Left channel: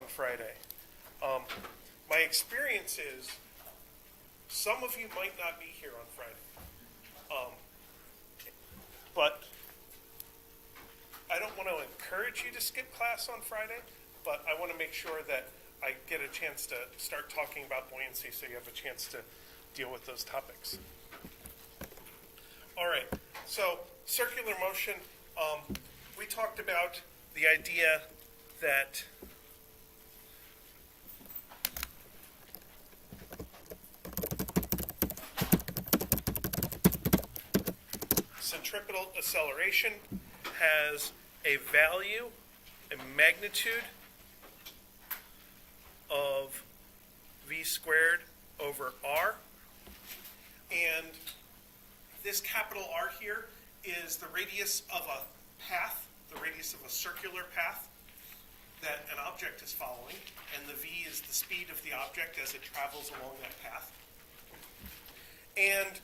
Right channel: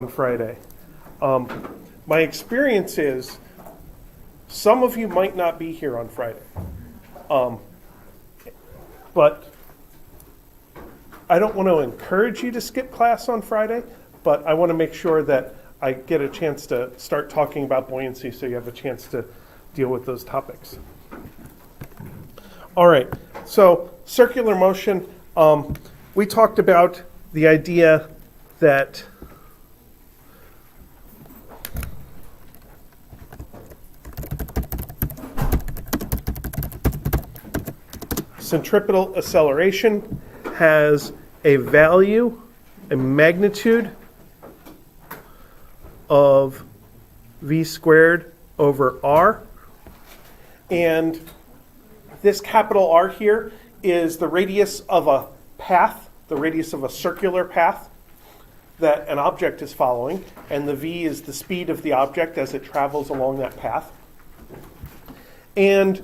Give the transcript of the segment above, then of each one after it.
on Friday. My experience is some of you might not be here on Friday. But I don't want to encourage you to skip class on Friday, but I want to make sure that I get a chance to start talking about buoyancy so you have a chance to deal with those topics. All right, so circular motion, we talked about the idea that centripetal acceleration has a value, a magnitude of v squared over r. And this capital R here is the radius of a path, the radius of a circular path that an object is following. And the v is the speed of the object as it travels along that path. And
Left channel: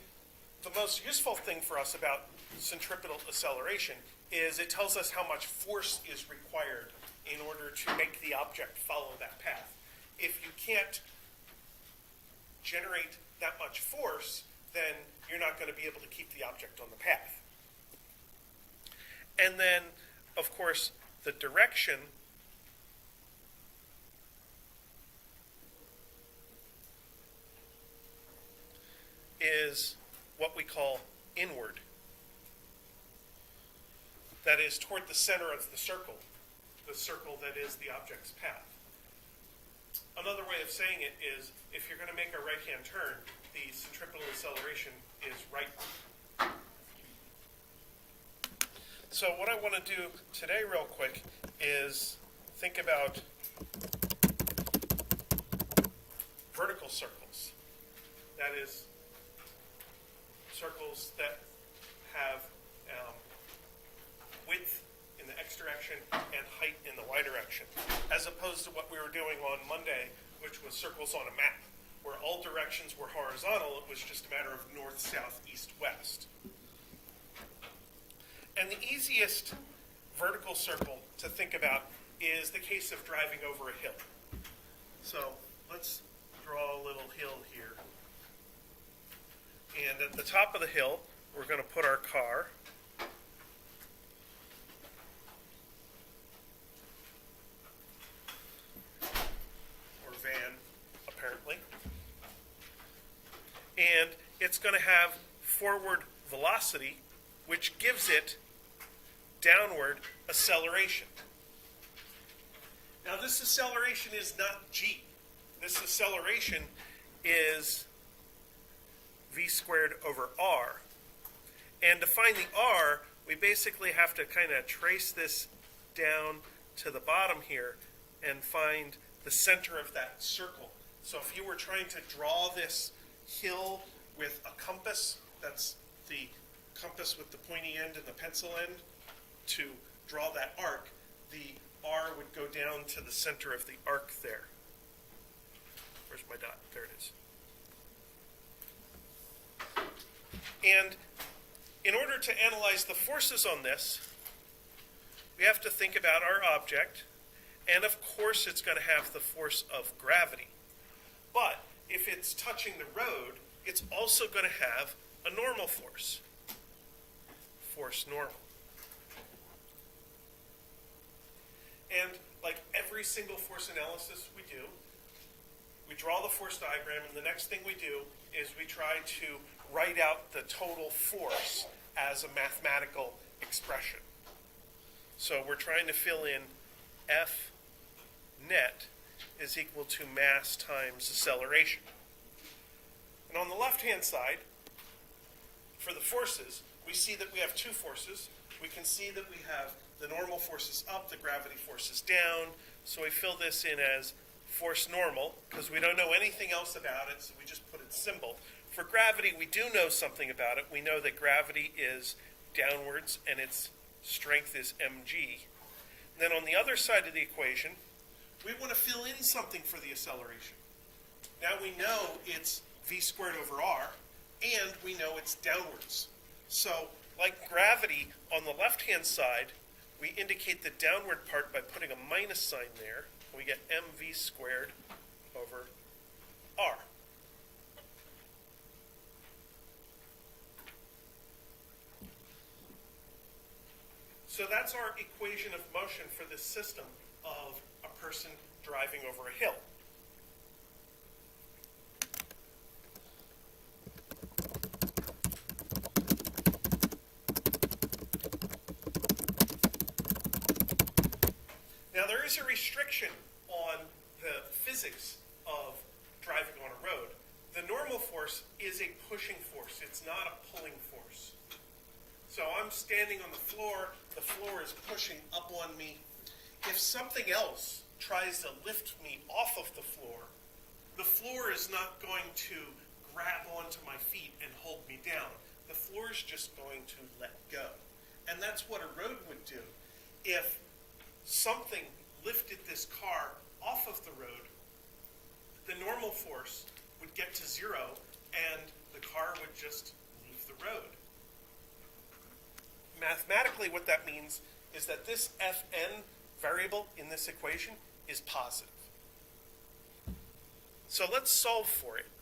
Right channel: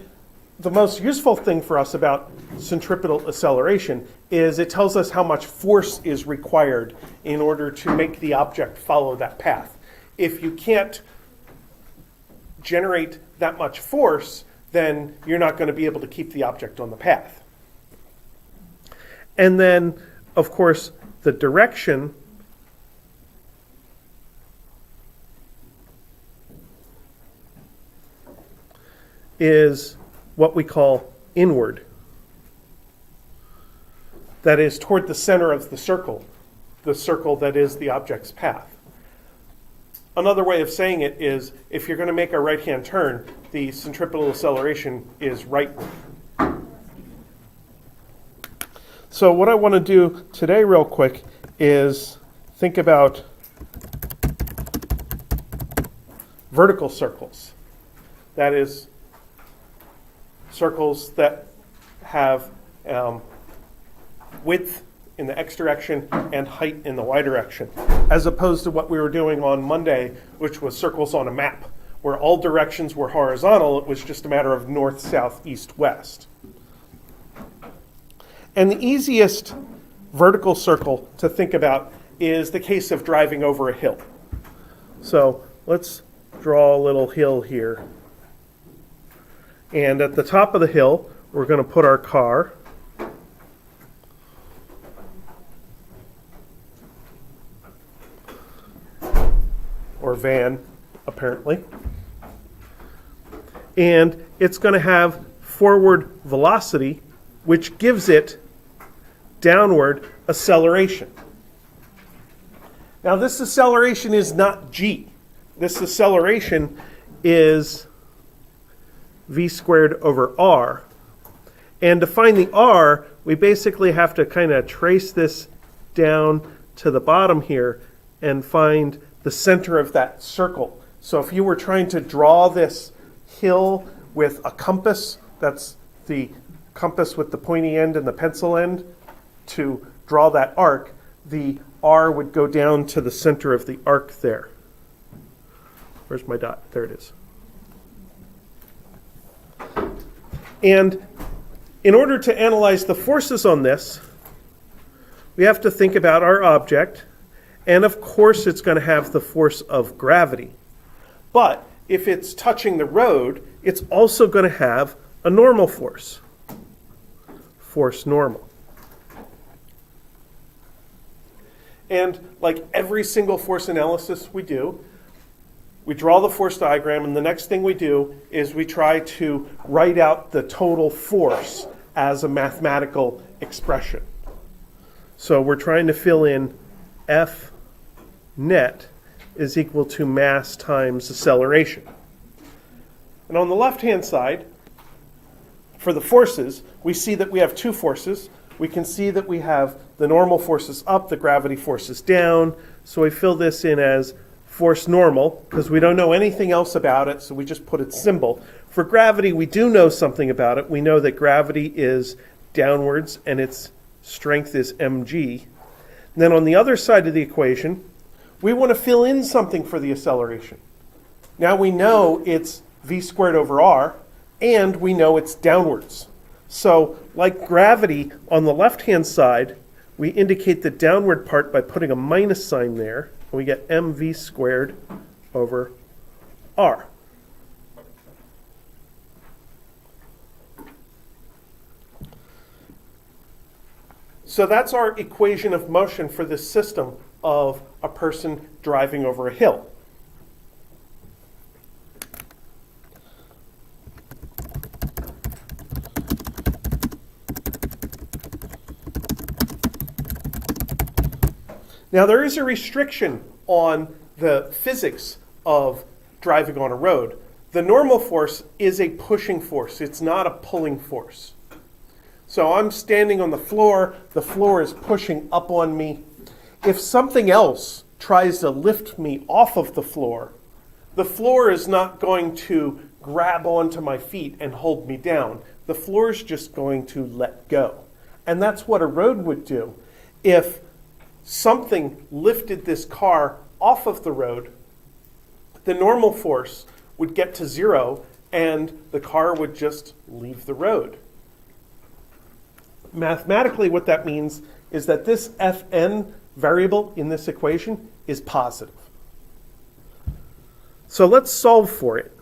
the most useful thing for us about centripetal acceleration is it tells us how much force is required in order to make the object follow that path. If you can't generate that much force, then you're not going to be able to keep the object on the path. And then, of course, the direction is what we call inward. That is toward the center of the circle that is the object's path. Another way of saying it is if you're going to make a right-hand turn, the centripetal acceleration is rightward. So what I want to do today real quick is think about vertical circles. That is, circles that have width in the x direction and height in the y direction, as opposed to what we were doing on Monday, which was circles on a map, where all directions were horizontal. It was just a matter of north, south, east, west. And the easiest vertical circle to think about is the case of driving over a hill. So let's draw a little hill here. And at the top of the hill, we're going to put our car. Or van, apparently. And it's going to have forward velocity, which gives it downward acceleration. Now, this acceleration is not g. This acceleration is v squared over r. And to find the r, we basically have to kind of trace this down to the bottom here and find the center of that circle. So if you were trying to draw this hill with a compass, that's the compass with the pointy end and the pencil end, to draw that arc, the r would go down to the center of the arc there. Where's my dot? There it is. And in order to analyze the forces on this, we have to think about our object. And of course, it's going to have the force of gravity. But if it's touching the road, it's also going to have a normal force. Force normal. And like every single force analysis we do, we draw the force diagram, and the next thing we do is we try to write out the total force as a mathematical expression. So we're trying to fill in F net is equal to mass times acceleration. And on the left-hand side, for the forces, we see that we have two forces. We can see that we have the normal forces up, the gravity forces down. So we fill this in as force normal, because we don't know anything else about it, so we just put its symbol. For gravity, we do know something about it. We know that gravity is downwards, and its strength is mg. And then on the other side of the equation, we want to fill in something for the acceleration. Now we know it's v squared over r, and we know it's downwards. So like gravity on the left-hand side, we indicate the downward part by putting a minus sign there. we get mv squared over r. So that's our equation of motion for this system of a person driving over a hill. Now there is a restriction on the physics of driving on a road. The normal force is a pushing force. It's not a pulling force. So I'm standing on the floor is pushing up on me. If something else tries to lift me off of the floor is not going to grab onto my feet and hold me down. The floor is just going to let go. And that's what a road would do. If something lifted this car off of the road, the normal force would get to 0 and the car would just leave the road. Mathematically, what that means is that this Fn variable in this equation is positive. So let's solve for it.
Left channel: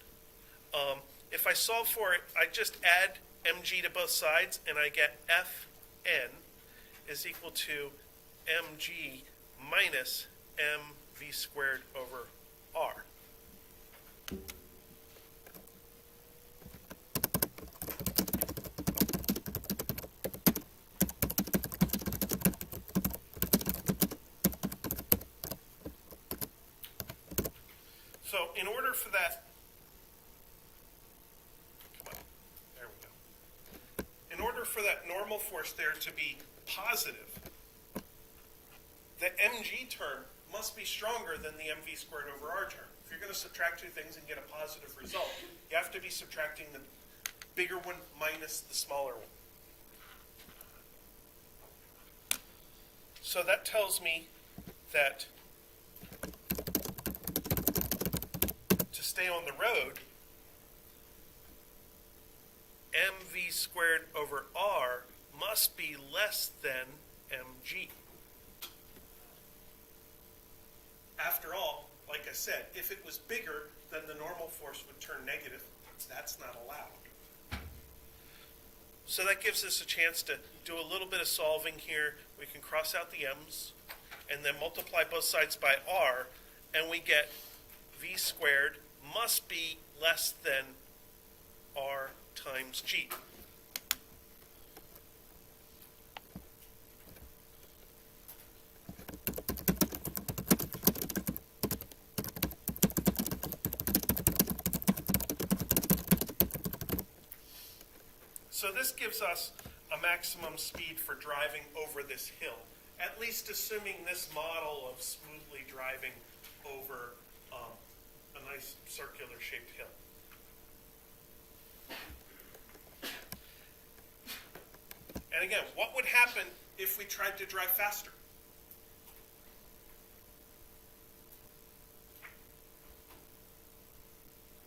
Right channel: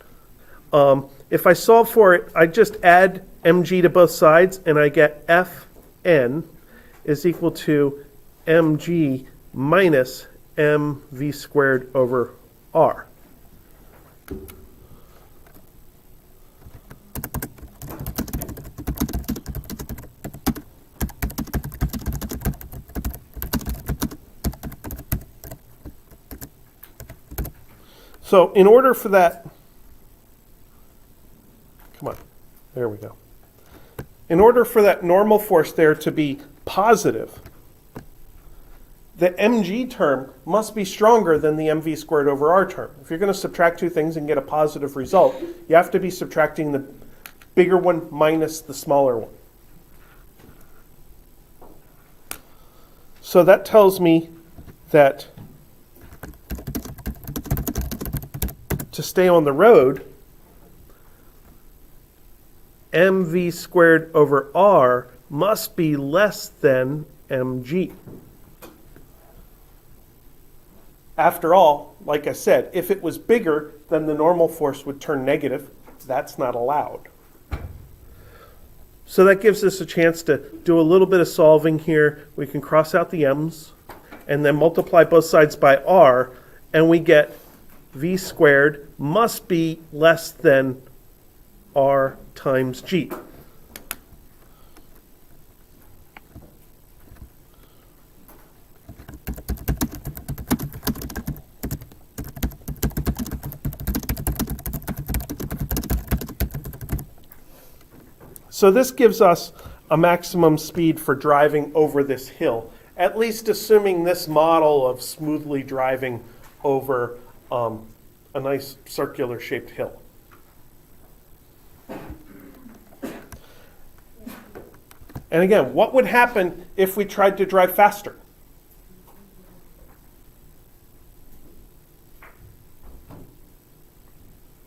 If I solve for it, I just add mg to both sides and I get Fn is equal to mg minus mv squared over r. So in order for that, come on, there we go. In order for that normal force there to be positive, the mg term must be stronger than the mv squared over r term. If you're going to subtract two things and get a positive result, you have to be subtracting the bigger one minus the smaller one. So that tells me that to stay on the road, mv squared over r must be less than mg. After all, like I said, if it was bigger, then the normal force would turn negative. That's not allowed. So that gives us a chance to do a little bit of solving here. We can cross out the m's and then multiply both sides by r, and we get v squared must be less than r times g. So this gives us a maximum speed for driving over this hill, at least assuming this model of smoothly driving over a nice circular shaped hill. And again, what would happen if we tried to drive faster?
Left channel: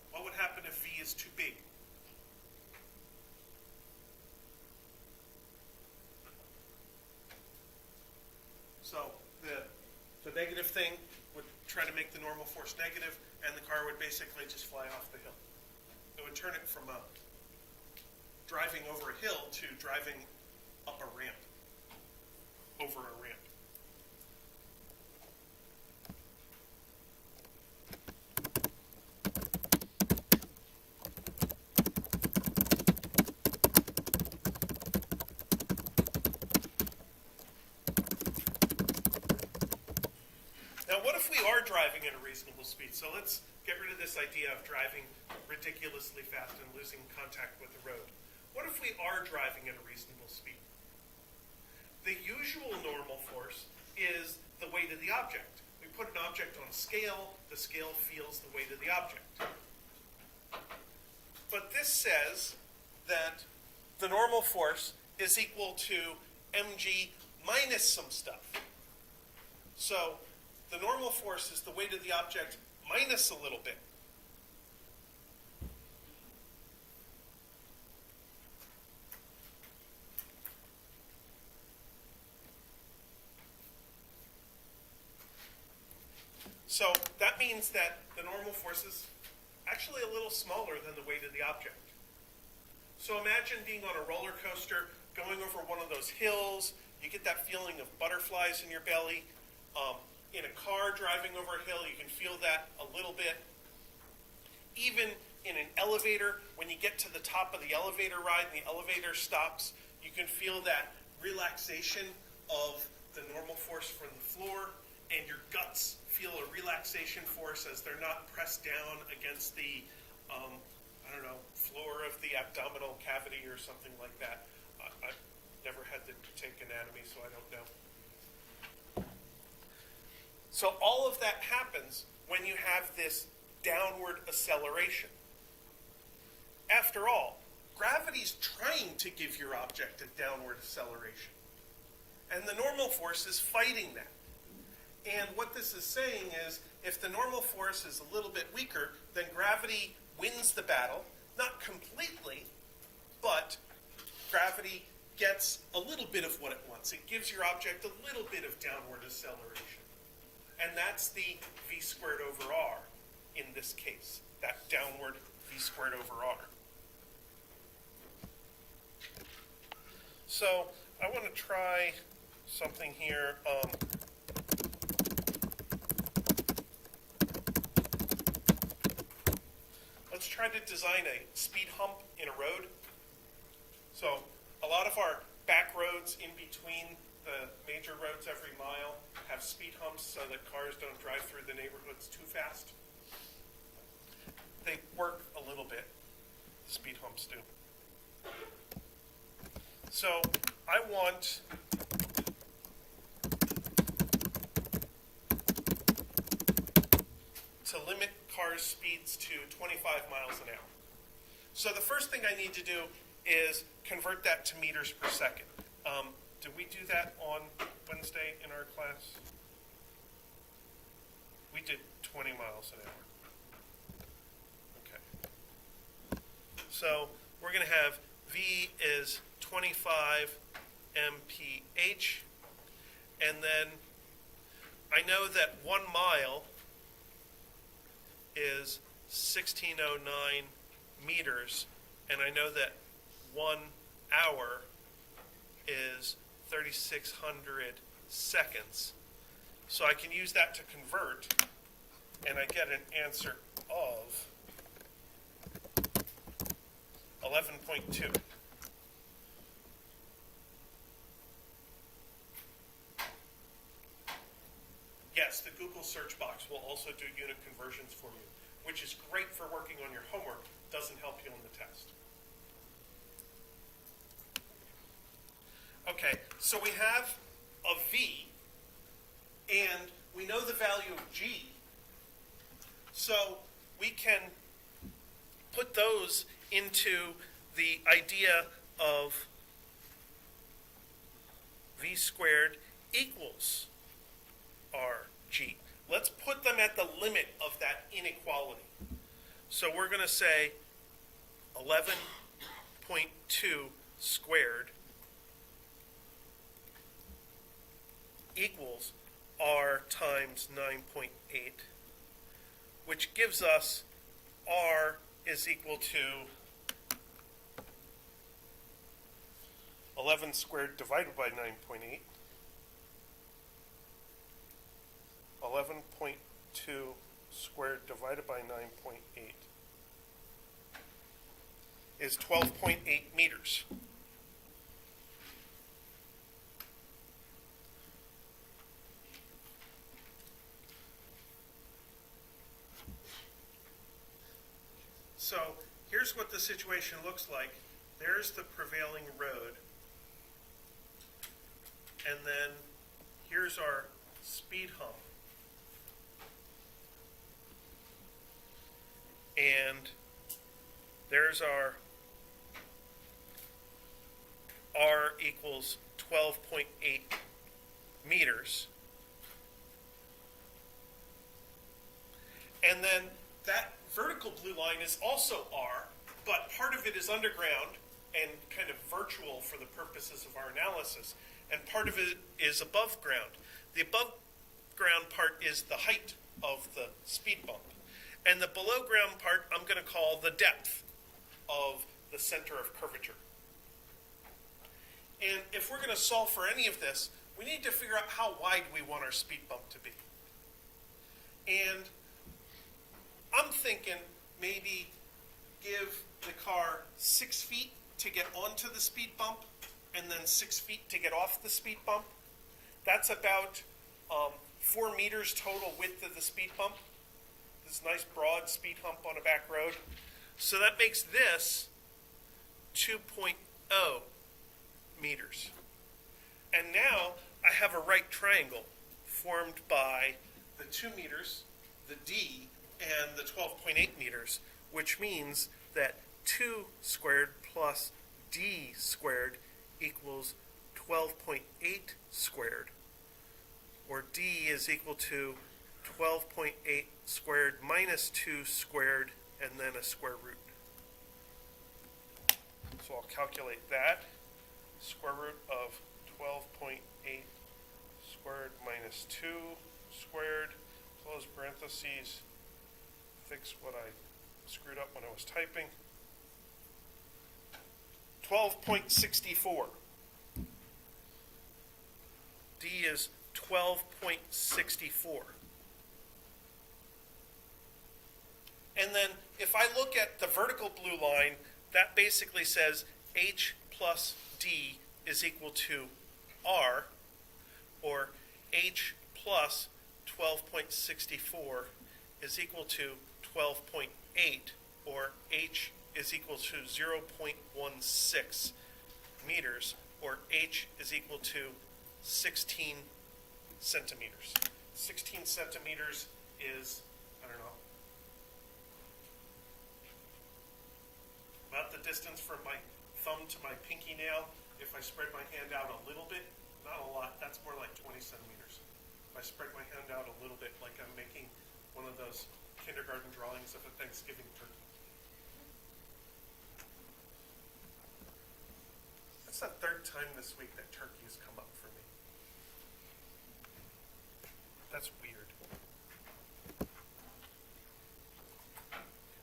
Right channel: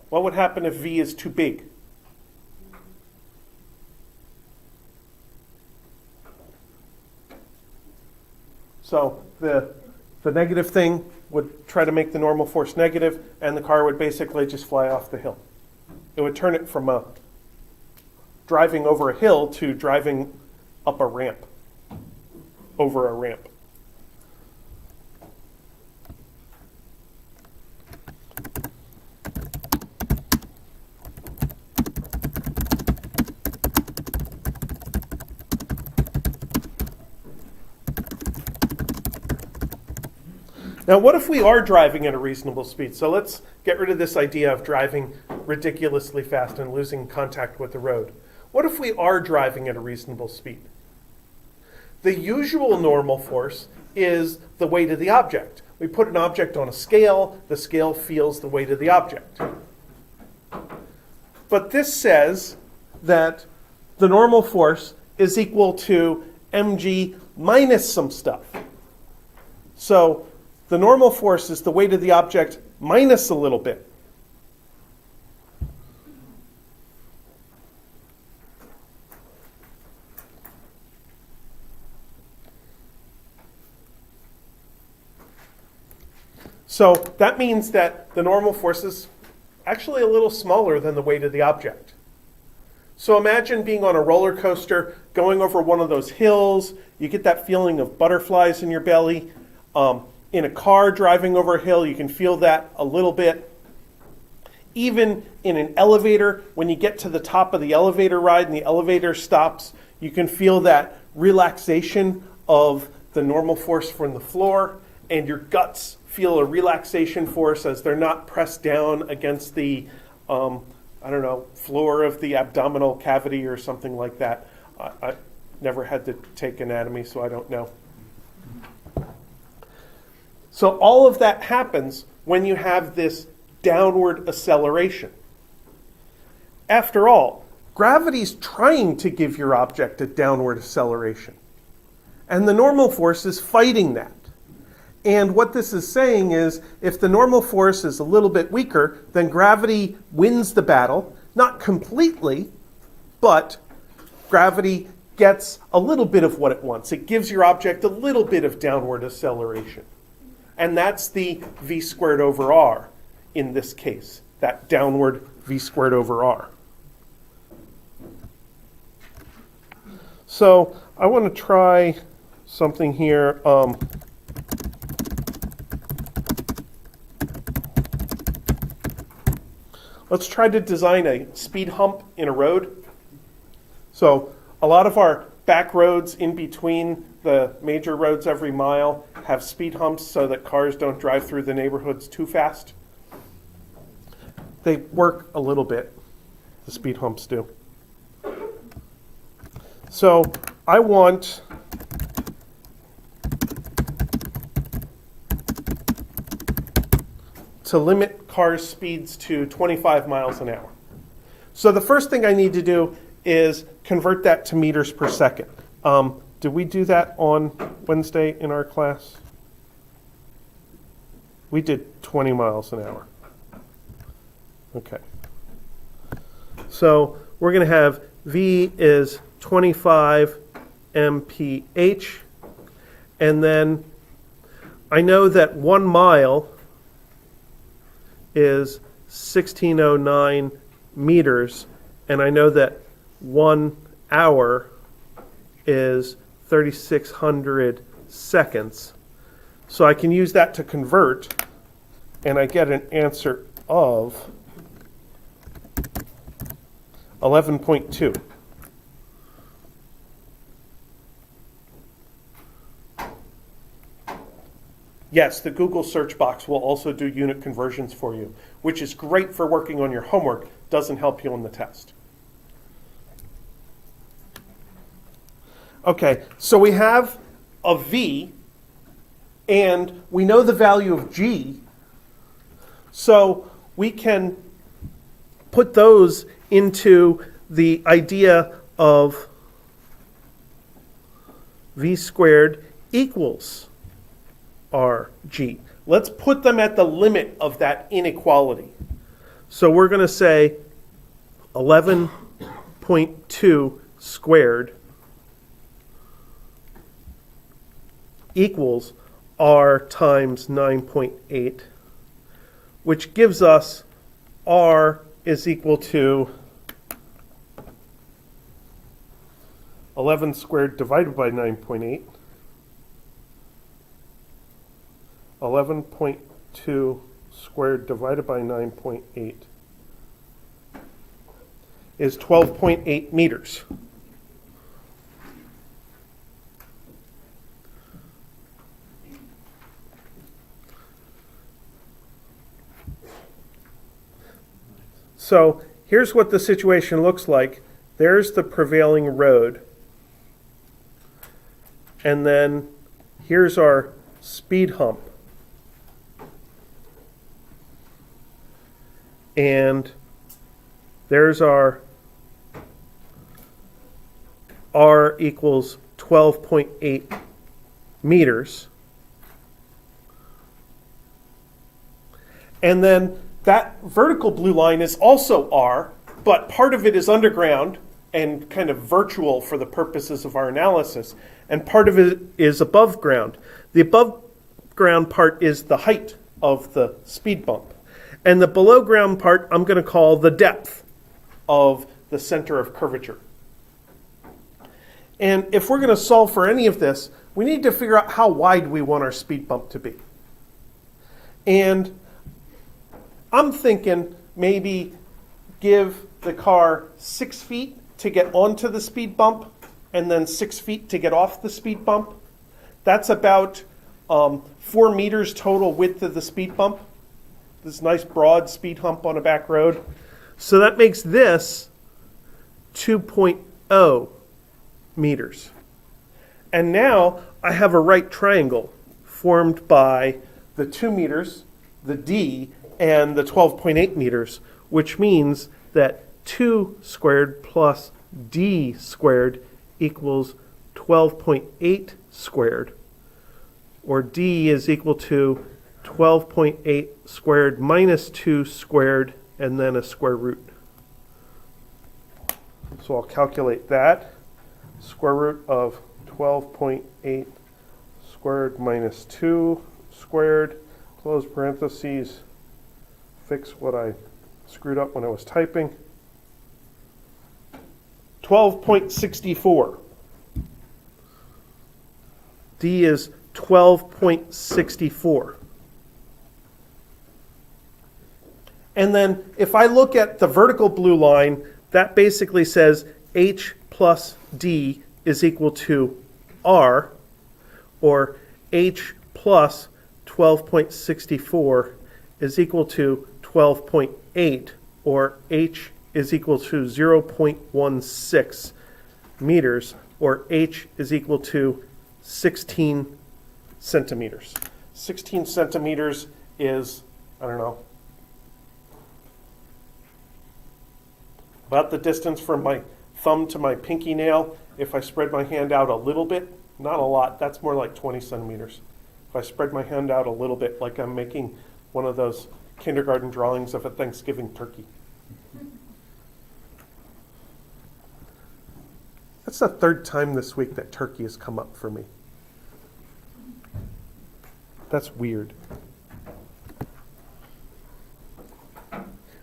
What would happen if v is too big? So the negative thing would try to make the normal force negative, and the car would basically just fly off the hill. It would turn it from driving over a hill to driving up a ramp, over a ramp. Now, what if we are driving at a reasonable speed? So let's get rid of this idea of driving ridiculously fast and losing contact with the road. What if we are driving at a reasonable speed? The usual normal force is the weight of the object. We put an object on a scale, the scale feels the weight of the object. But this says that the normal force is equal to mg minus some stuff. So the normal force is the weight of the object minus a little bit. So that means that the normal force is actually a little smaller than the weight of the object. So imagine being on a roller coaster, going over one of those hills. You get that feeling of butterflies in your belly. In a car driving over a hill, you can feel that a little bit. Even in an elevator, when you get to the top of the elevator ride and the elevator stops, you can feel that relaxation of the normal force from the floor, and your guts feel a relaxation force as they're not pressed down against the floor of the abdominal cavity or something like that. I never had to take anatomy, so I don't know. So all of that happens when you have this downward acceleration. After all, gravity's trying to give your object a downward acceleration, and the normal force is fighting that. And what this is saying is, if the normal force is a little bit weaker, then gravity wins the battle. Not completely, but gravity gets a little bit of what it wants. It gives your object a little bit of downward acceleration. And that's the v squared over r in this case, that downward v squared over r. So I want to try something here. Let's try to design a speed hump in a road. So a lot of our back roads in between the major roads every mile have speed humps so that cars don't drive through the neighborhoods too fast. They work a little bit, the speed humps do. So I want to limit cars' speeds to 25 miles an hour. So the first thing I need to do is convert that to meters per second. Did we do that on Wednesday in our class? We did 20 miles an hour. Okay. So we're going to have V is 25 mph, and then I know that 1 mile is 1609 meters, and I know that 1 hour is 3600 seconds. So I can use that to convert, and I get an answer of 11.2. Yes, the Google search box will also do unit conversions for you, which is great for working on your homework, doesn't help you on the test. Okay, so we have a V, and we know the value of G, so we can put those into the idea of V squared equals RG. Let's put them at the limit of that inequality. So we're going to say 11.2 squared equals R times 9.8, which gives us R is equal to 11 squared divided by 9.8. 11.2 squared divided by 9.8 is 12.8 meters. So here's what the situation looks like. There's the prevailing road. And then here's our speed hump. And there's our R equals 12.8 meters. And then that vertical blue line is also R, but part of it is underground and kind of virtual for the purposes of our analysis, and part of it is above ground. The above ground part is the height of the speed bump. And the below ground part I'm going to call the depth of the center of curvature. And if we're going to solve for any of this, we need to figure out how wide we want our speed bump to be. And I'm thinking maybe give the car 6 feet to get onto the speed bump and then 6 feet to get off the speed bump. That's about 4 meters total width of the speed bump. This nice broad speed hump on a back road. So that makes this 2.0 meters. And now I have a right triangle formed by the 2 meters, the D, and the 12.8 meters, which means that 2 squared plus D squared equals 12.8 squared, or D is equal to 12.8 squared minus 2 squared, and then a square root. So I'll calculate that. Square root of 12.8 squared minus 2 squared, close parentheses, fix what I screwed up when I was typing. 12.64. D is 12.64. And then if I look at the vertical blue line, that basically says H plus D is equal to R, or H plus 12.64 is equal to 12.8, or H is equal to 0.16 meters, or H is equal to 16 centimeters. 16 centimeters is, I don't know, about the distance from my thumb to my pinky nail. If I spread my hand out a little bit, not a lot, that's more like 20 centimeters. If I spread my hand out a little bit, like I'm making one of those kindergarten drawings of a Thanksgiving turkey. That's the third time this week that turkey has come up for me. That's weird.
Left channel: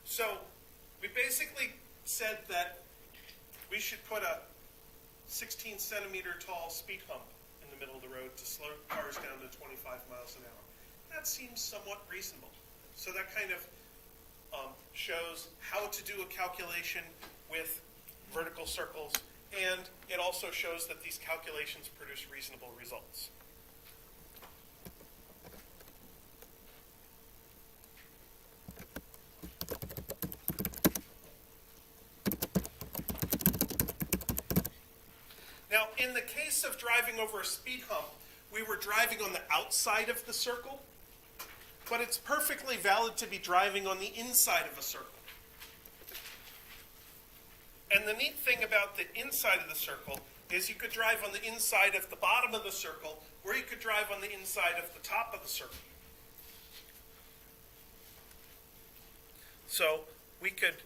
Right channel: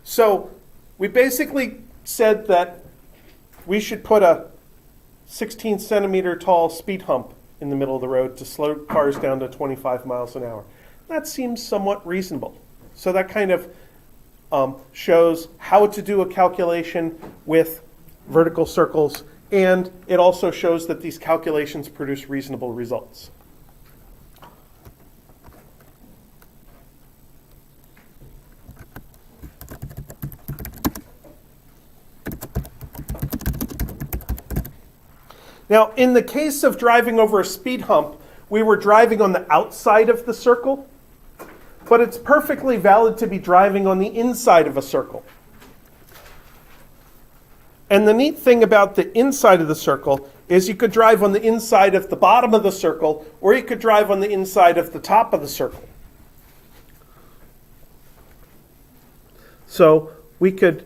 So we basically said that we should put a 16 centimeter tall speed hump in the middle of the road to slow cars down to 25 miles an hour. That seems somewhat reasonable. So that kind of shows how to do a calculation with vertical circles, and it also shows that these calculations produce reasonable results. Now, in the case of driving over a speed hump, we were driving on the outside of the circle, but it's perfectly valid to be driving on the inside of a circle. And the neat thing about the inside of the circle is you could drive on the inside of the bottom of the circle, or you could drive on the inside of the top of the circle. So we could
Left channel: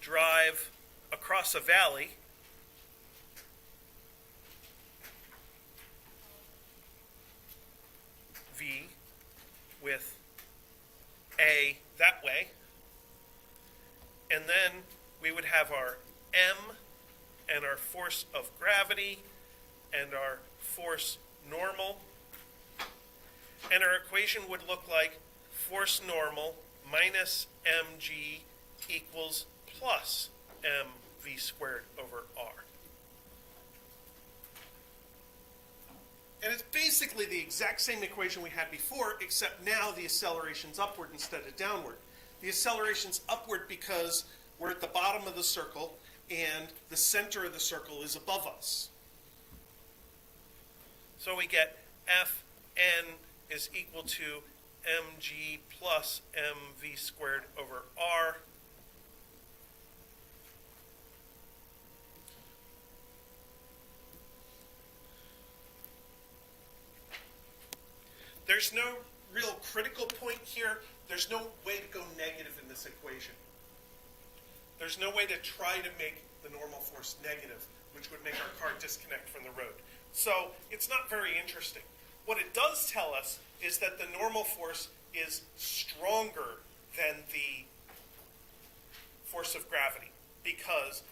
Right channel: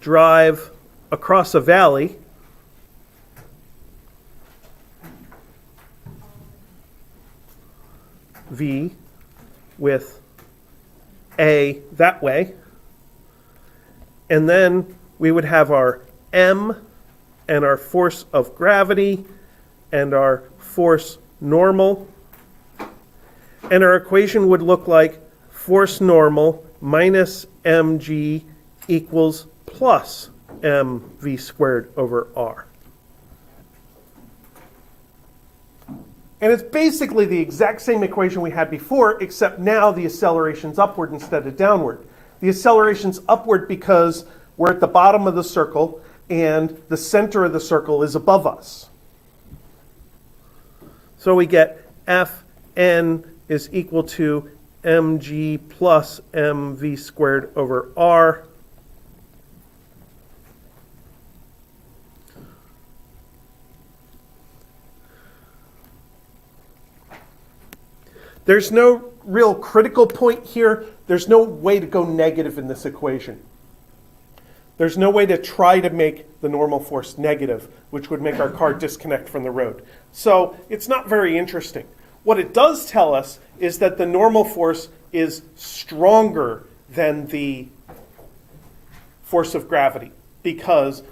drive across a valley V with A that way, and then we would have our M and our force of gravity and our force normal, and our equation would look like force normal minus mg equals plus mv squared over r. And it's basically the exact same equation we had before, except now the acceleration's upward instead of downward. The acceleration's upward because we're at the bottom of the circle and the center of the circle is above us. So we get Fn is equal to mg plus mv squared over r. There's no real critical point here. There's no way to go negative in this equation. There's no way to try to make the normal force negative, which would make our car disconnect from the road. So it's not very interesting. What it does tell us is that the normal force is stronger than the force of gravity, because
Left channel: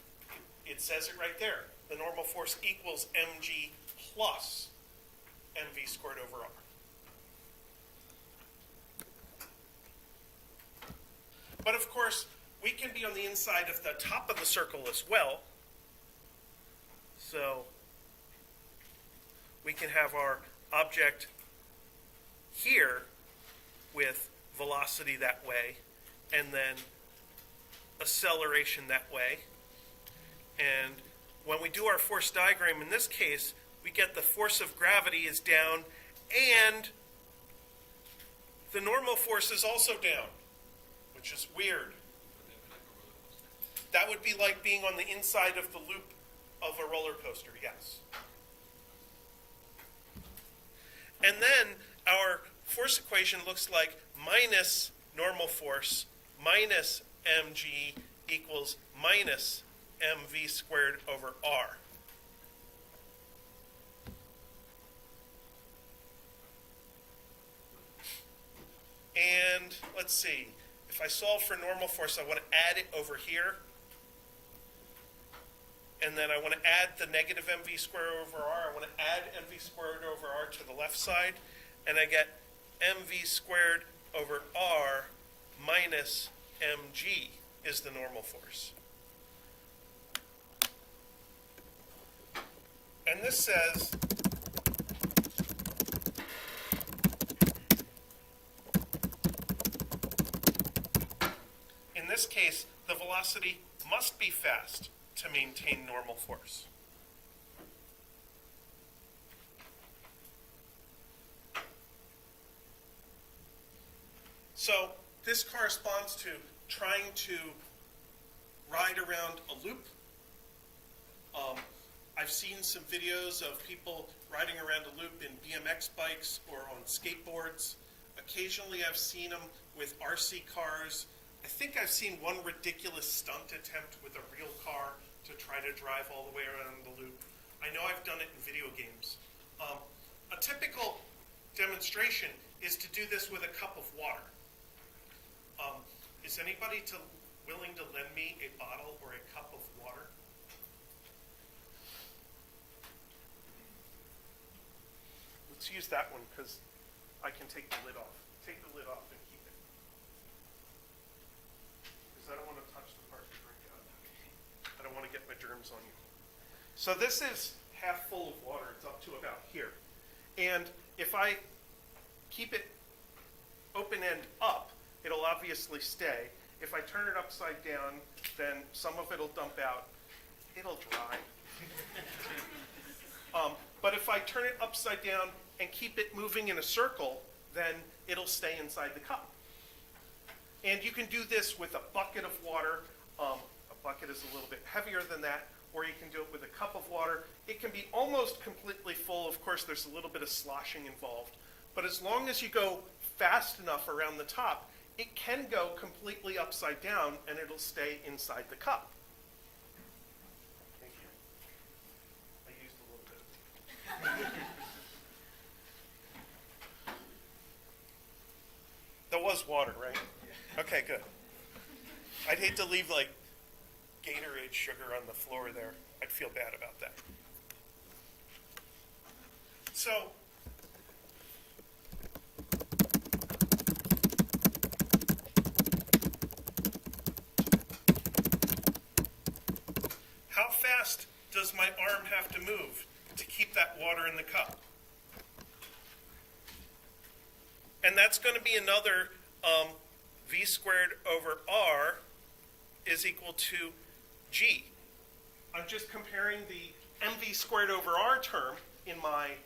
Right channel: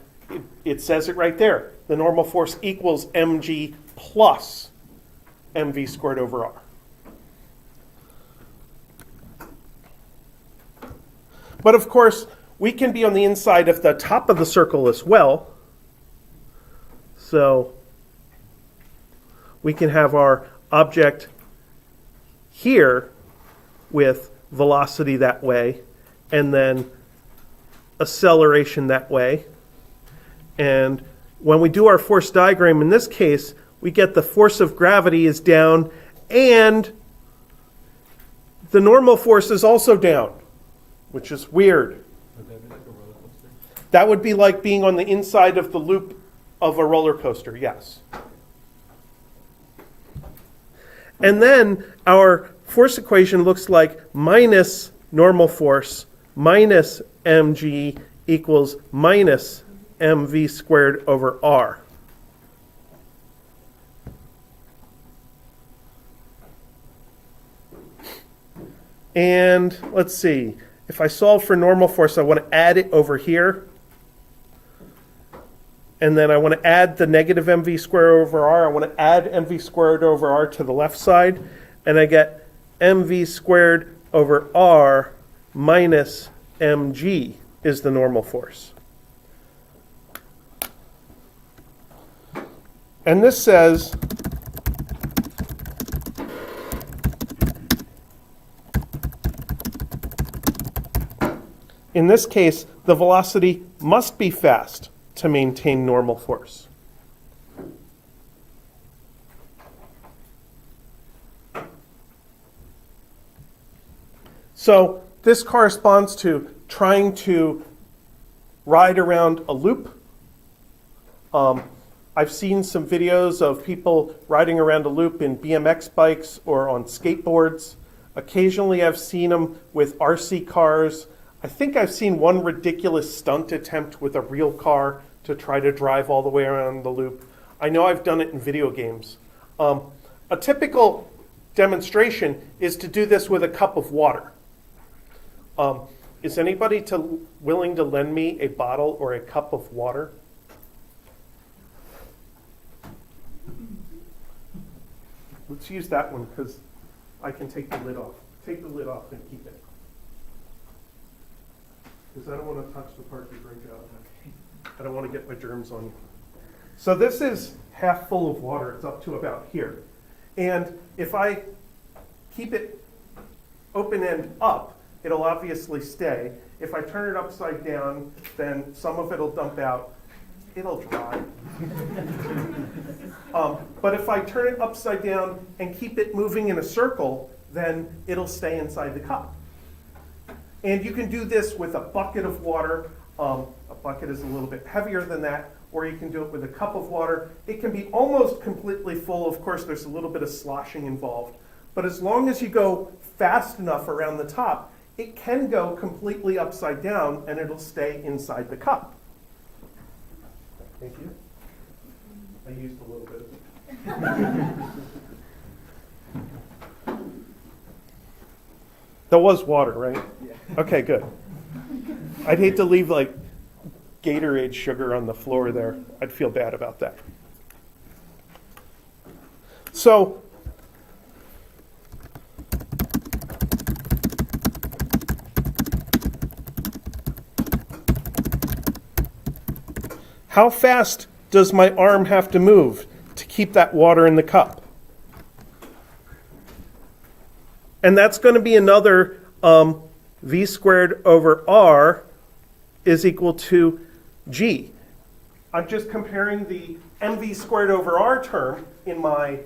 it says it right there. The normal force equals mg plus mv squared over r. But of course, we can be on the inside of the top of the circle as well. So we can have our object here with velocity that way, and then acceleration that way. And when we do our force diagram, in this case, we get the force of gravity is down, and the normal force is also down, which is weird. Would that be like a roller coaster? That would be like being on the inside of the loop of a roller coaster, yes. And then our force equation looks like minus normal force minus mg equals minus mv squared over r. And let's see, if I solve for normal force, I want to add it over here. And then I want to add the negative mv squared over r. I want to add mv squared over r to the left side. And I get mv squared over r minus mg is the normal force. And this says in this case, the velocity must be fast to maintain normal force. So this corresponds to trying to ride around a loop. I've seen some videos of people riding around a loop in BMX bikes or on skateboards. Occasionally I've seen them with RC cars. I think I've seen one ridiculous stunt attempt with a real car to try to drive all the way around the loop. I know I've done it in video games. A typical demonstration is to do this with a cup of water. Is anybody willing to lend me a bottle or a cup of water? Let's use that one because I can take the lid off. Take the lid off and keep it. Because I don't want to touch the part you drink out of. I don't want to get my germs on you. So this is half full of water. It's up to about here. And if I keep it open end up, it'll obviously stay. If I turn it upside down, then some of it'll dump out. It'll dry. But if I turn it upside down and keep it moving in a circle, then it'll stay inside the cup. And you can do this with a bucket of water. A bucket is a little bit heavier than that, or you can do it with a cup of water. It can be almost completely full. Of course, there's a little bit of sloshing involved. But as long as you go fast enough around the top, it can go completely upside down and it'll stay inside the cup. Thank you. I used a little bit of it. That was water, right? Yeah. Okay, good. I'd hate to leave like Gatorade sugar on the floor there. I'd feel bad about that. So, how fast does my arm have to move to keep that water in the cup? And that's going to be another v squared over r is equal to g. I'm just comparing the mv squared over r term in my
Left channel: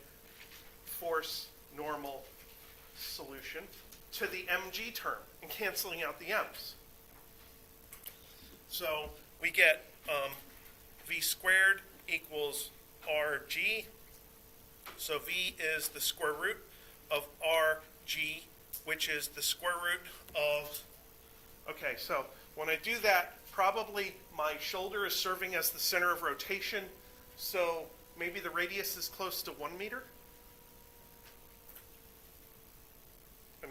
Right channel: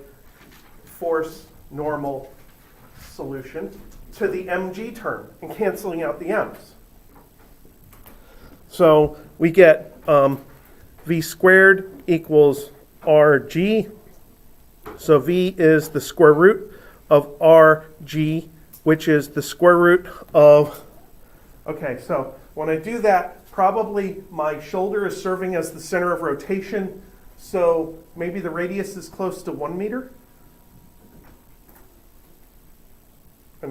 force normal solution to the mg term and canceling out the m's. So we get v squared equals rg. So v is the square root of rg, which is the square root of, okay, so when I do that, probably my shoulder is serving as the center of rotation, so maybe the radius is close to 1 meter.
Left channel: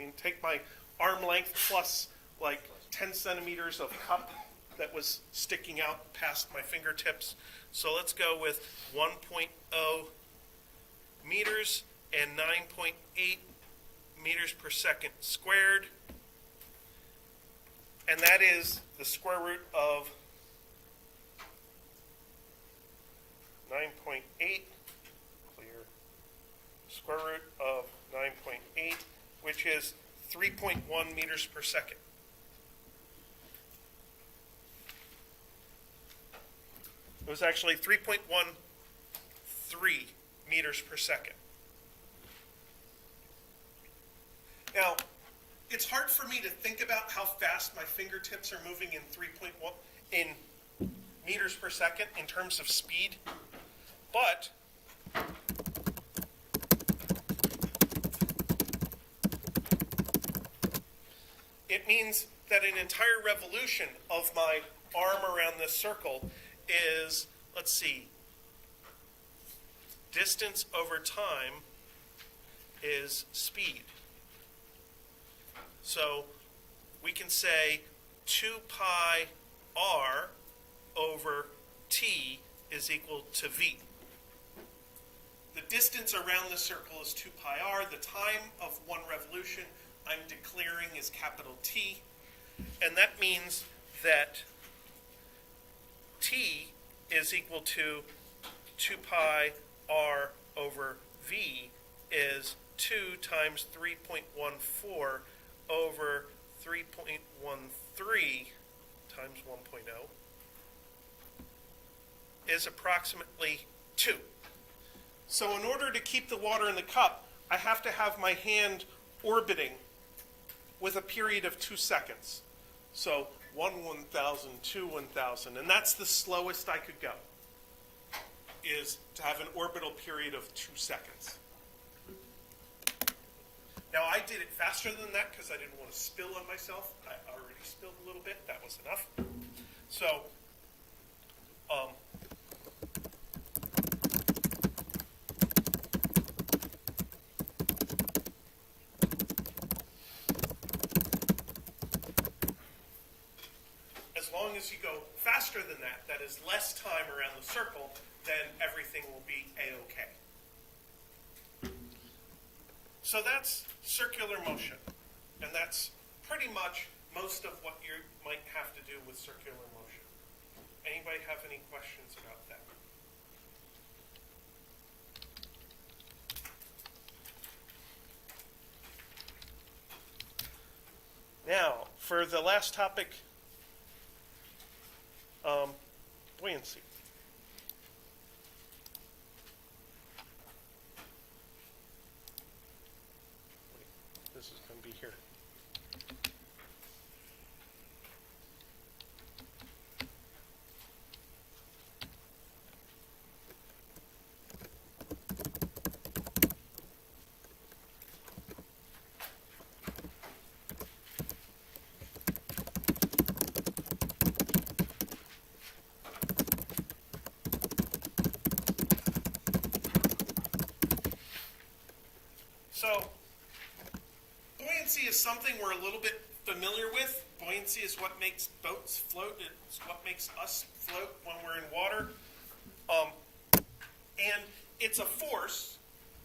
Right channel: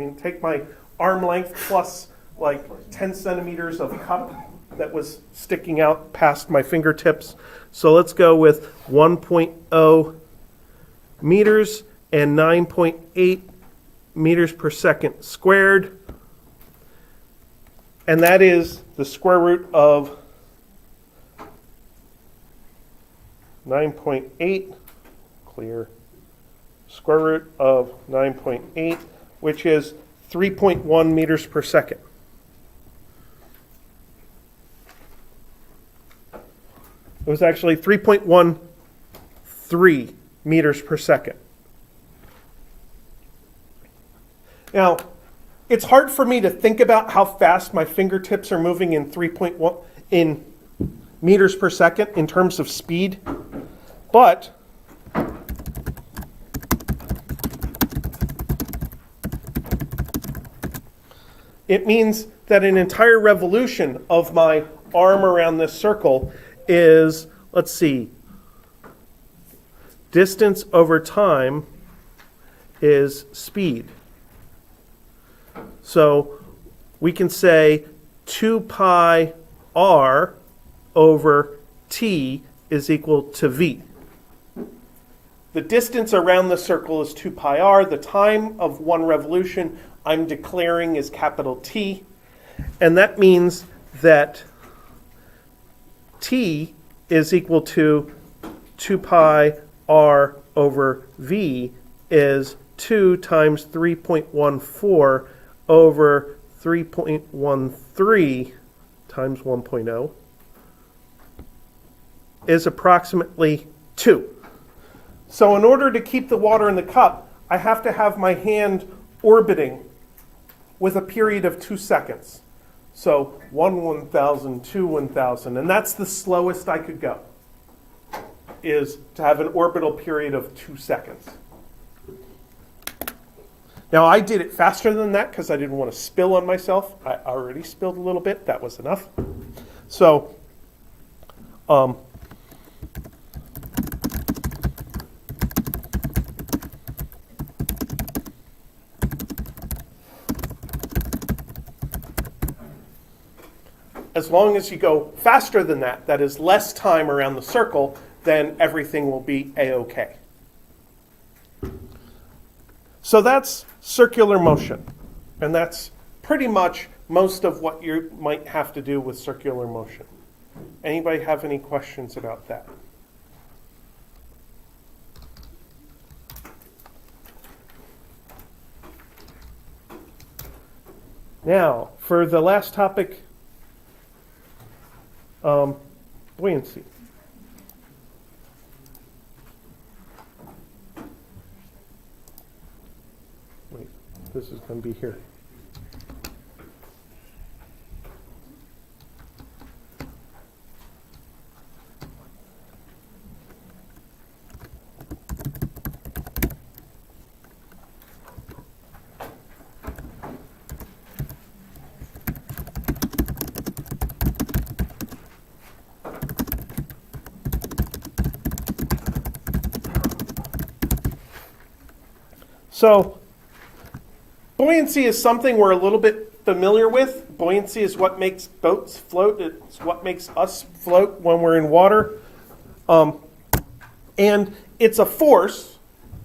mean, take my arm length plus like 10 centimeters of cup that was sticking out past my fingertips. So let's go with 1.0 meters and 9.8 meters per second squared. And that is the square root of 9.8, clear, square root of 9.8, which is 3.1 meters per second. It was actually 3.13 meters per second. Now, it's hard for me to think about how fast my fingertips are moving in 3.1 in meters per second in terms of speed, but it means that an entire revolution of my arm around this circle is, let's see, distance over time is speed. So we can say 2 pi r over t is equal to v. The distance around the circle is 2 pi r. The time of one revolution I'm declaring is capital T. And that means that t is equal to 2 pi r over v is 2 times 3.14 over 3.13 times 1.0 is approximately 2. So in order to keep the water in the cup, I have to have my hand orbiting with a period of 2 seconds. So 1/1000, 2/1000, and that's the slowest I could go, is to have an orbital period of 2 seconds. Now, I did it faster than that because I didn't want to spill on myself. I already spilled a little bit. That was enough. So, as long as you go faster than that, that is less time around the circle, then everything will be A-OK. So that's circular motion, and that's pretty much most of what you might have to do with circular motion. Anybody have any questions about that? Now, for the last topic, buoyancy. Wait, this is going to be here. So, buoyancy is something we're a little bit familiar with. Buoyancy is what makes boats float. It's what makes us float when we're in water. And it's a force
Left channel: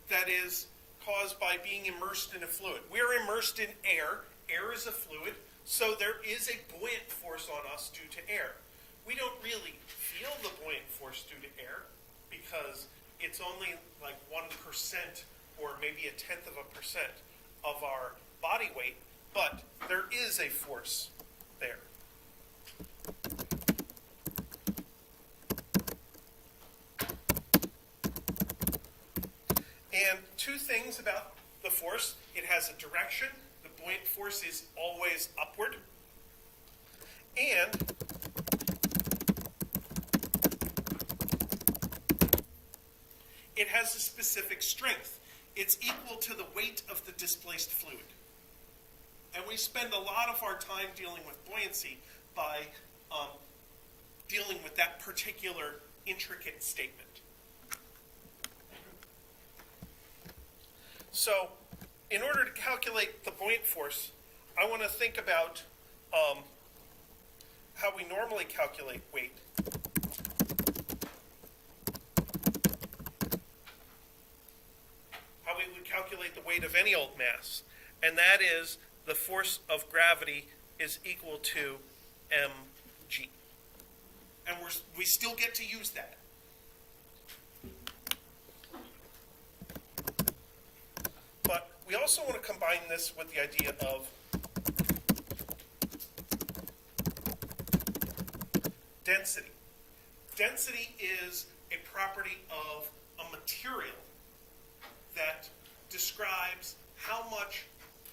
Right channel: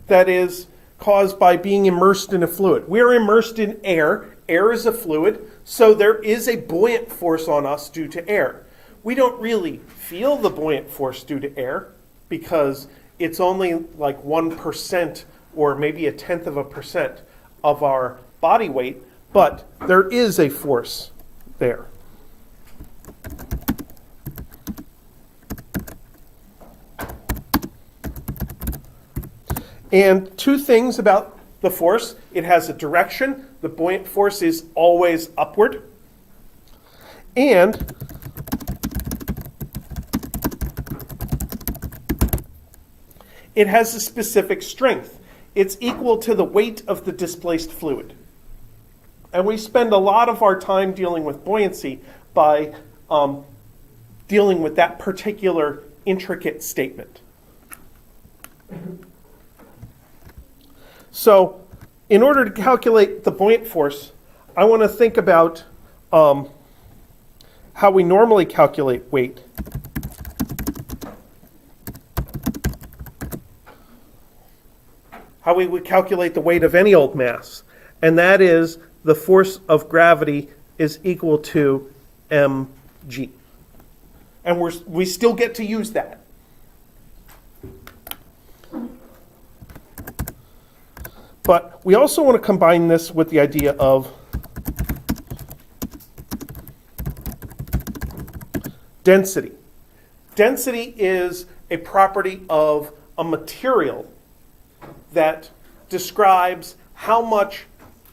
that is caused by being immersed in a fluid. We're immersed in air. Air is a fluid, so there is a buoyant force on us due to air. We don't really feel the buoyant force due to air because it's only like 1% or maybe 0.1% of our body weight, but there is a force there. And two things about the force. It has a direction. The buoyant force is always upward. And it has a specific strength. It's equal to the weight of the displaced fluid. And we spend a lot of our time dealing with buoyancy by dealing with that particular intricate statement. So in order to calculate the buoyant force, I want to think about how we normally calculate weight. How we would calculate the weight of any old mass. And that is the force of gravity is equal to mg. And we still get to use that. But we also want to combine this with the idea of density. Density is a property of a material that describes how much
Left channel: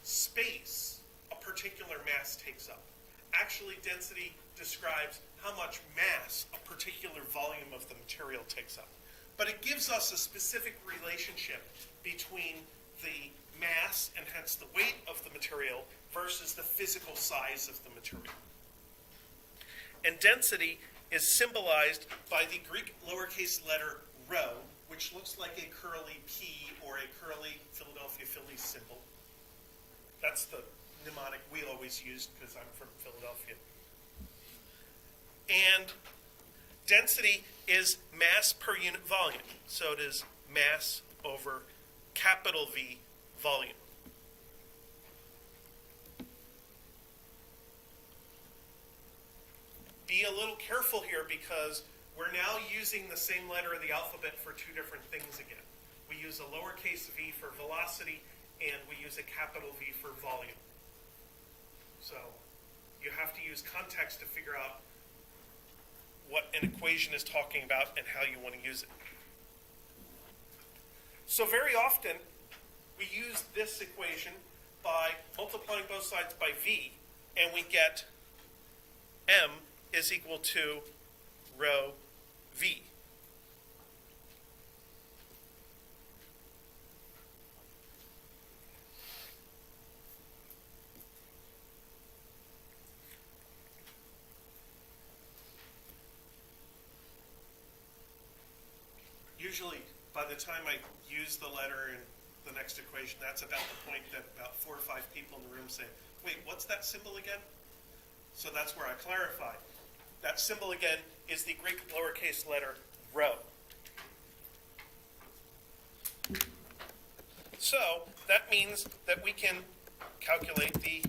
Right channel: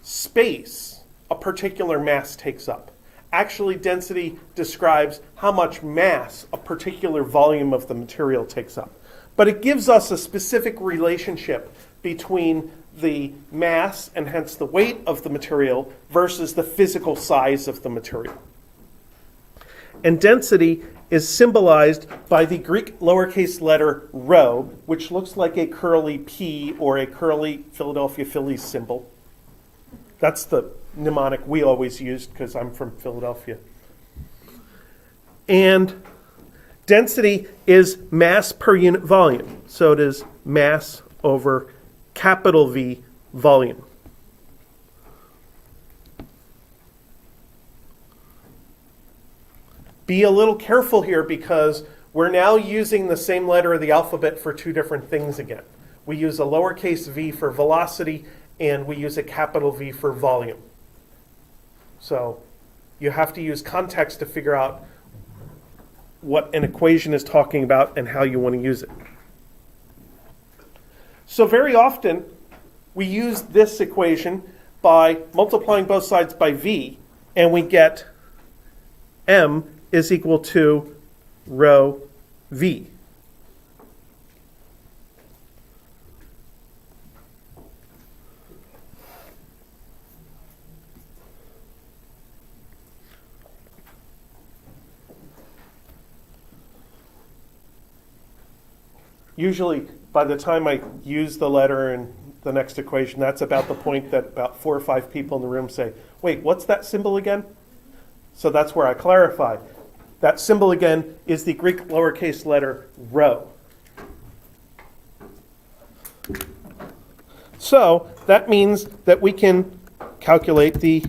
space a particular mass takes up. Actually, density describes how much mass a particular volume of the material takes up. But it gives us a specific relationship between the mass, and hence the weight of the material, versus the physical size of the material. And density is symbolized by the Greek lowercase letter rho, which looks like a curly P or a curly Philadelphia Phillies symbol. That's the mnemonic we always used because I'm from Philadelphia. And density is mass per unit volume. So it is mass over capital V volume. Be a little careful here because we're now using the same letter of the alphabet for two different things again. We use a lowercase v for velocity and we use a capital V for volume. So you have to use context to figure out what an equation is talking about and how you want to use it. So very often we use this equation by multiplying both sides by v, and we get m is equal to rho v. Usually, by the time I use the letter in the next equation, that's about the point that about 4 or 5 people in the room say, wait, what's that symbol again? So that's where I clarify. That symbol again is the Greek lowercase letter rho. So that means that we can calculate the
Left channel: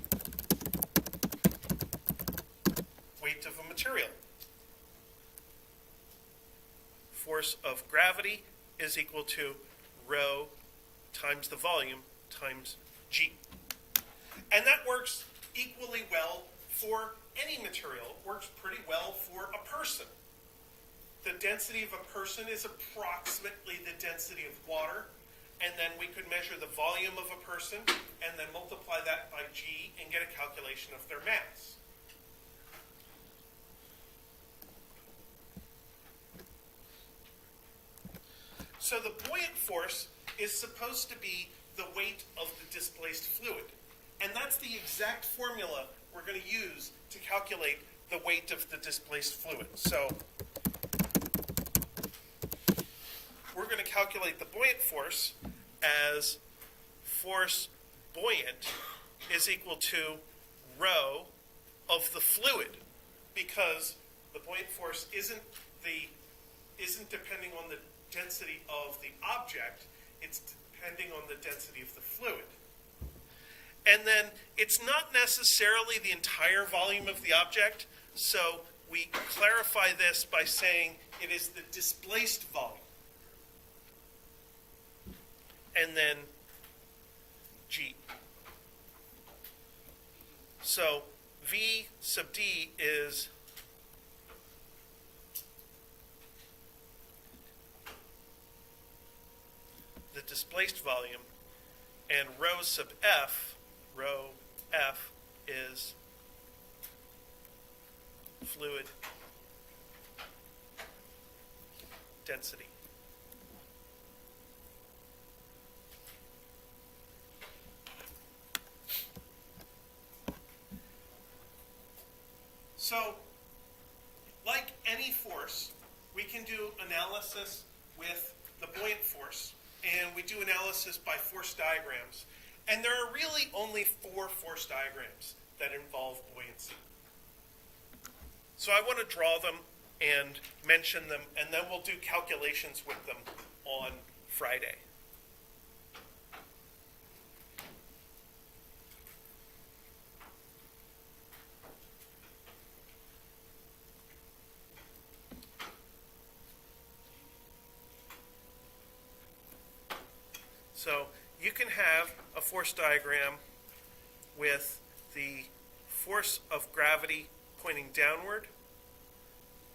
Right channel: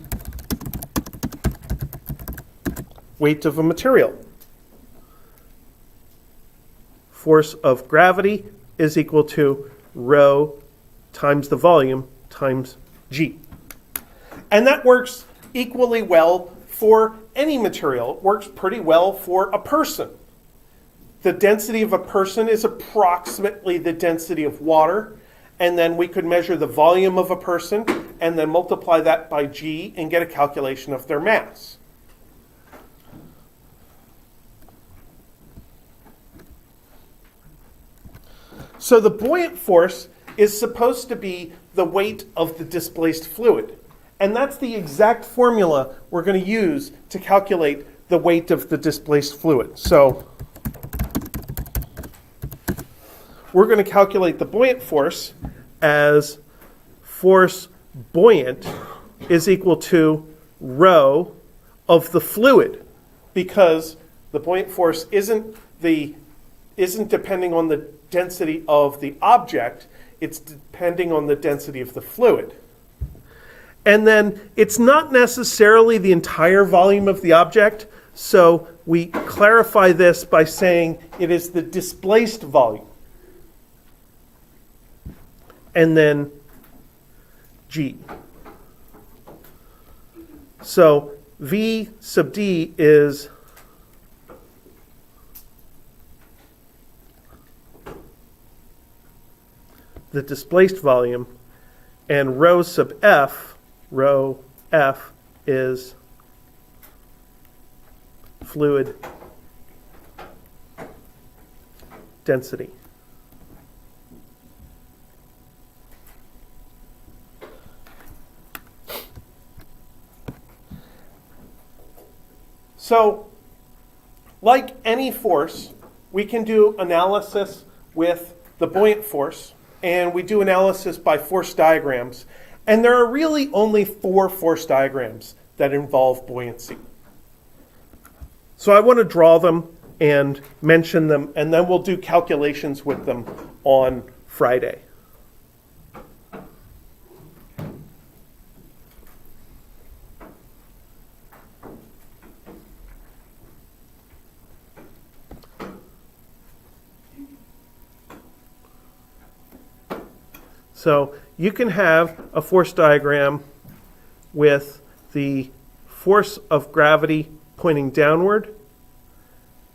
weight of a material. Force of gravity is equal to rho times the volume times g. And that works equally well for any material. It works pretty well for a person. The density of a person is approximately the density of water, and then we could measure the volume of a person and then multiply that by g and get a calculation of their mass. So the buoyant force is supposed to be the weight of the displaced fluid. And that's the exact formula we're going to use to calculate the weight of the displaced fluid. So we're going to calculate the buoyant force as force buoyant is equal to rho of the fluid, because the buoyant force isn't depending on the density of the object, it's depending on the density of the fluid. And then it's not necessarily the entire volume of the object, so we clarify this by saying it is the displaced volume. And then g. So V sub d is the displaced volume, and rho sub f, rho f, is fluid density. So, like any force, we can do analysis with the buoyant force, and we do analysis by force diagrams. And there are really only 4 force diagrams that involve buoyancy. So I want to draw them and mention them, and then we'll do calculations with them on Friday. So you can have a force diagram with the force of gravity pointing downward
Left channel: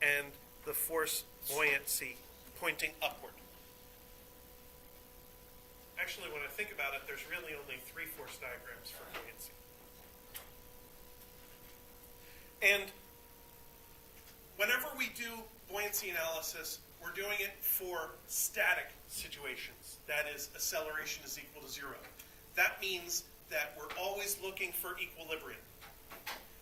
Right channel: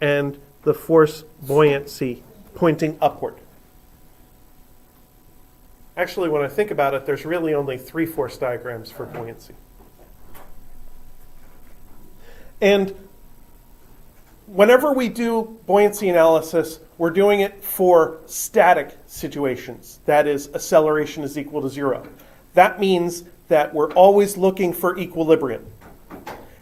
and the force buoyancy pointing upward. Actually, when I think about it, there's really only 3 force diagrams for buoyancy. And whenever we do buoyancy analysis, we're doing it for static situations. That is, acceleration is equal to 0. That means that we're always looking for equilibrium.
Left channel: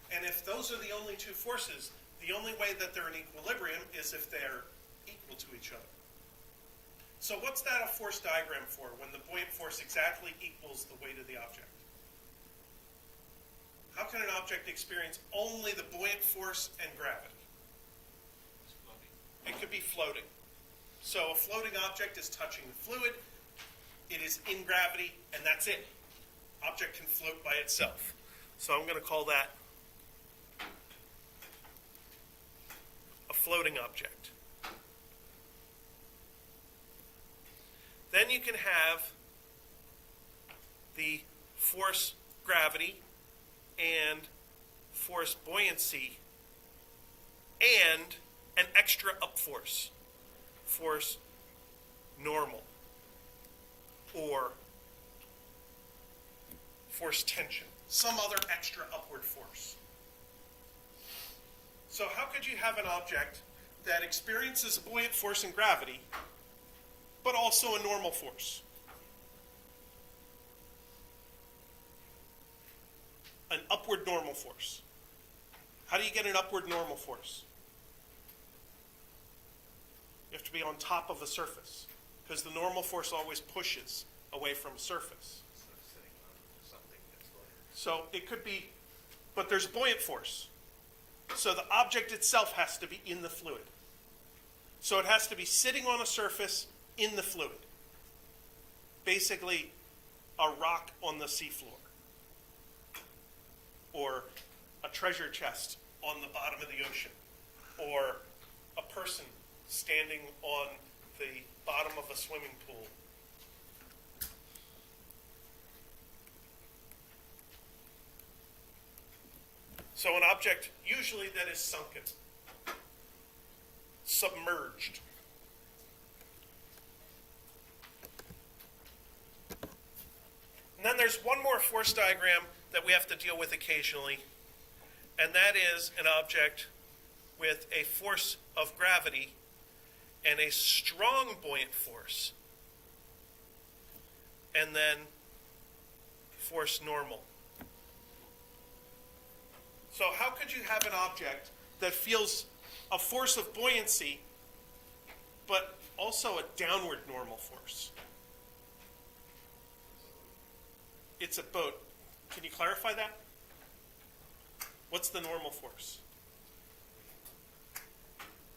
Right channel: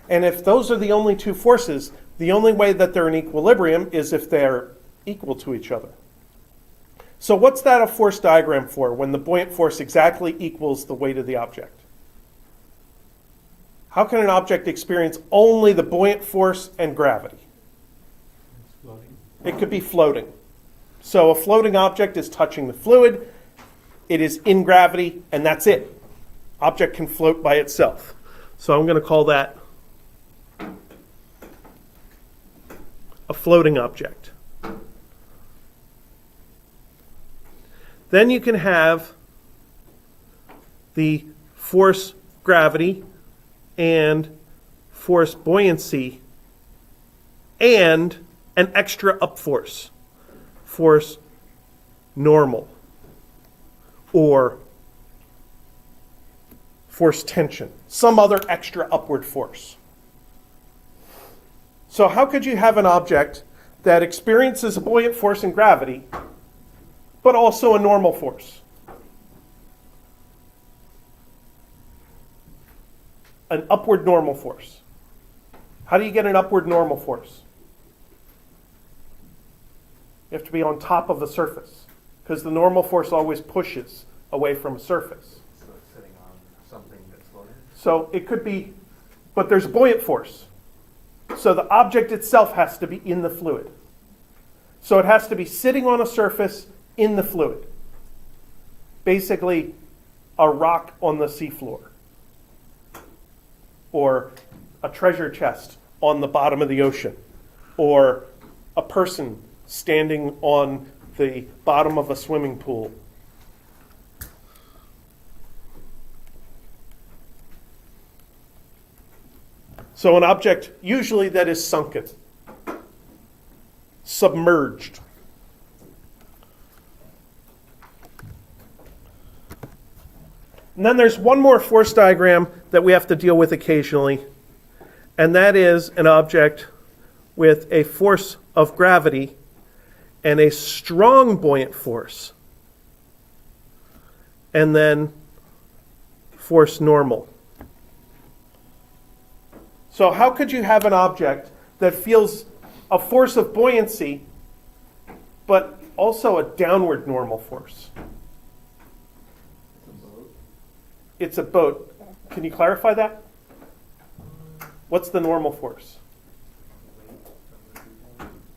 And if those are the only 2 forces, the only way that they're in equilibrium is if they're equal to each other. So what's that a force diagram for when the buoyant force exactly equals the weight of the object? How can an object experience only the buoyant force and gravity? It's floating. It could be floating. So a floating object is touching the fluid, it is in gravity, and that's it. Object can float by itself. So I'm going to call that a floating object. Then you can have the force gravity and force buoyancy and an extra up force normal, or force tension, some other extra upward force. So how could you have an object that experiences a buoyant force and gravity, but also a normal force? An upward normal force. How do you get an upward normal force? You have to be on top of a surface, because the normal force always pushes away from a surface. So it's sitting on something that's floating? So it could be, but there's a buoyant force. So the object itself has to be in the fluid. So it has to be sitting on a surface in the fluid. Basically, a rock on the seafloor, or a treasure chest on the bottom of the ocean, or a person standing on the bottom of a swimming pool. So an object usually that is sunken, submerged. And then there's one more force diagram that we have to deal with occasionally, and that is an object with a force of gravity and a strong buoyant force, and then force normal. So how could you have an object that feels a force of buoyancy, but also a downward normal force? It's a boat. Can you clarify that? What's the normal force?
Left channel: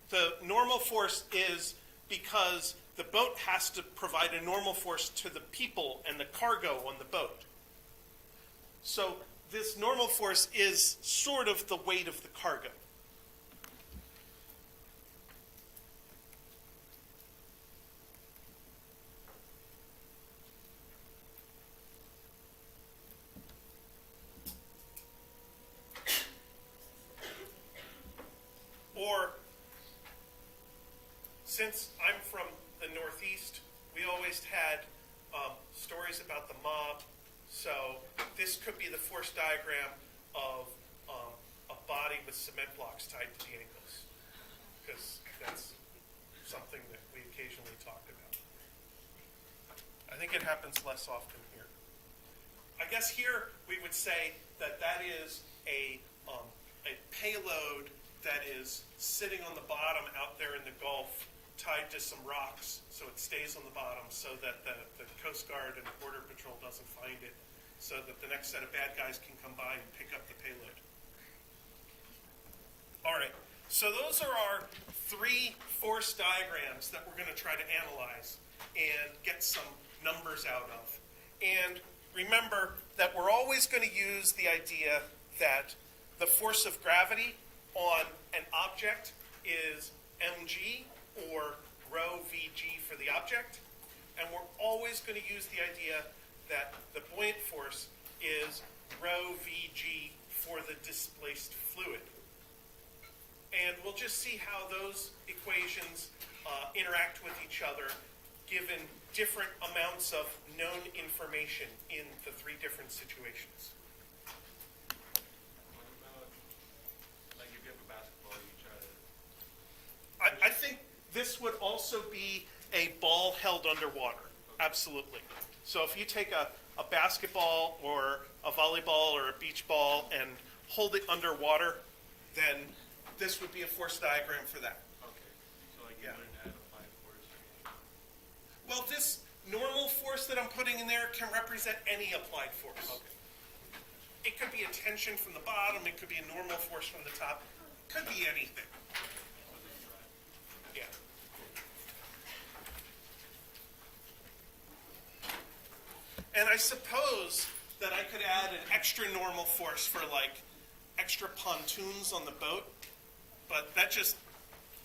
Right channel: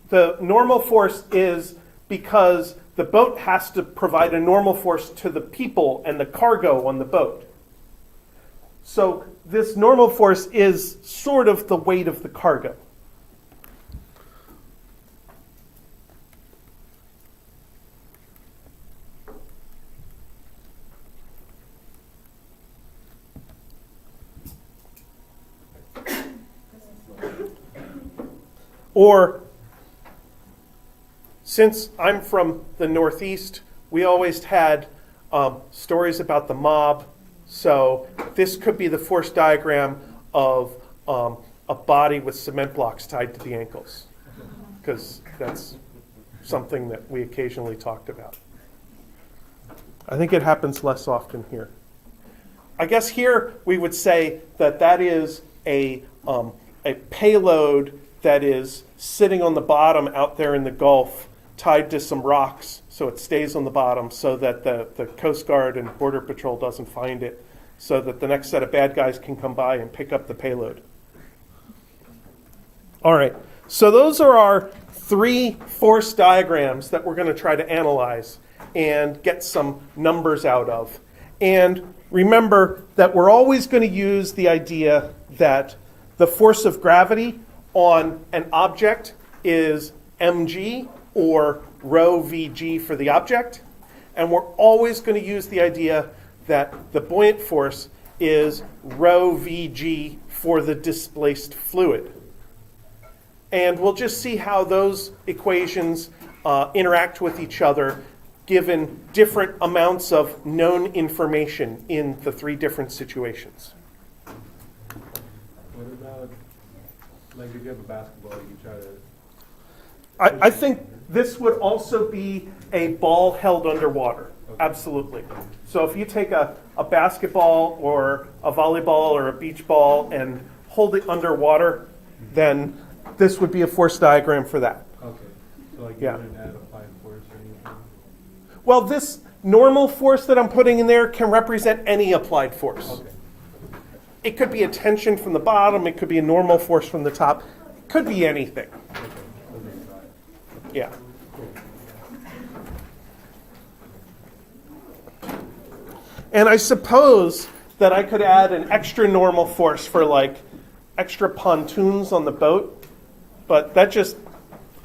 The normal force is because the boat has to provide a normal force to the people and the cargo on the boat. So this normal force is sort of the weight of the cargo. Or, since I'm from the Northeast, we always had stories about the mob. So this could be the force diagram of a body with cement blocks tied to the ankles, because that's something that we occasionally talked about. I think it happens less often here. I guess here we would say that that is a payload that is sitting on the bottom out there in the Gulf, tied to some rocks, so it stays on the bottom so that the Coast Guard and Border Patrol doesn't find it. so that the next set of bad guys can come by and pick up the payload. All right, so those are our 3 force diagrams that we're going to try to analyze and get some numbers out of. And remember that we're always going to use the idea that the force of gravity on an object is mg, or rho vg for the object. And we're always going to use the idea that the buoyant force is rho vg for the displaced fluid. And we'll just see how those equations interact with each other given different amounts of known information in the 3 different situations. What about, like if you have a basketball, you try to... I think this would also be a ball held underwater. Okay. Absolutely. So if you take a basketball or a volleyball or a beach ball and hold it underwater, then this would be a force diagram for that. Okay, so like Yeah. you wouldn't add applied force or anything? Well, this normal force that I'm putting in there can represent any applied force. Okay. It could be a tension from the bottom, it could be a normal force from the top, it could be anything. Okay, doesn't try. Yeah. And I suppose that I could add an extra normal force for like extra pontoons on the boat, but that just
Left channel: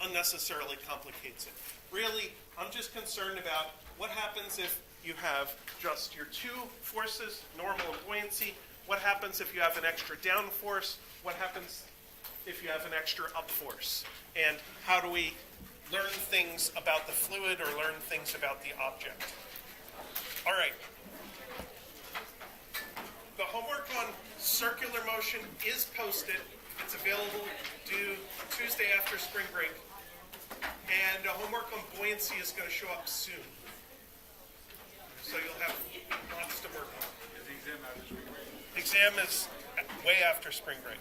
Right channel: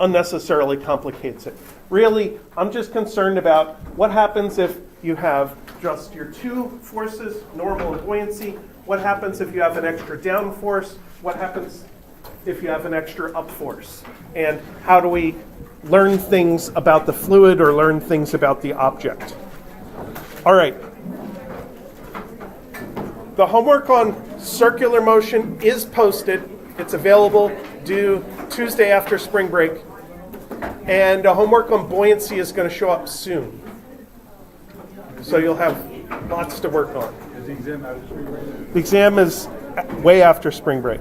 unnecessarily complicates it. Really, I'm just concerned about what happens if you have just your 2 forces, normal and buoyancy. What happens if you have an extra down force? What happens if you have an extra up force? And how do we learn things about the fluid or learn things about the object? All right. The homework on circular motion is posted. It's available due Tuesday after spring break. And homework on buoyancy is going to show up soon. So you'll have lots to work on. Is the exam after spring break? The exam is way after spring break.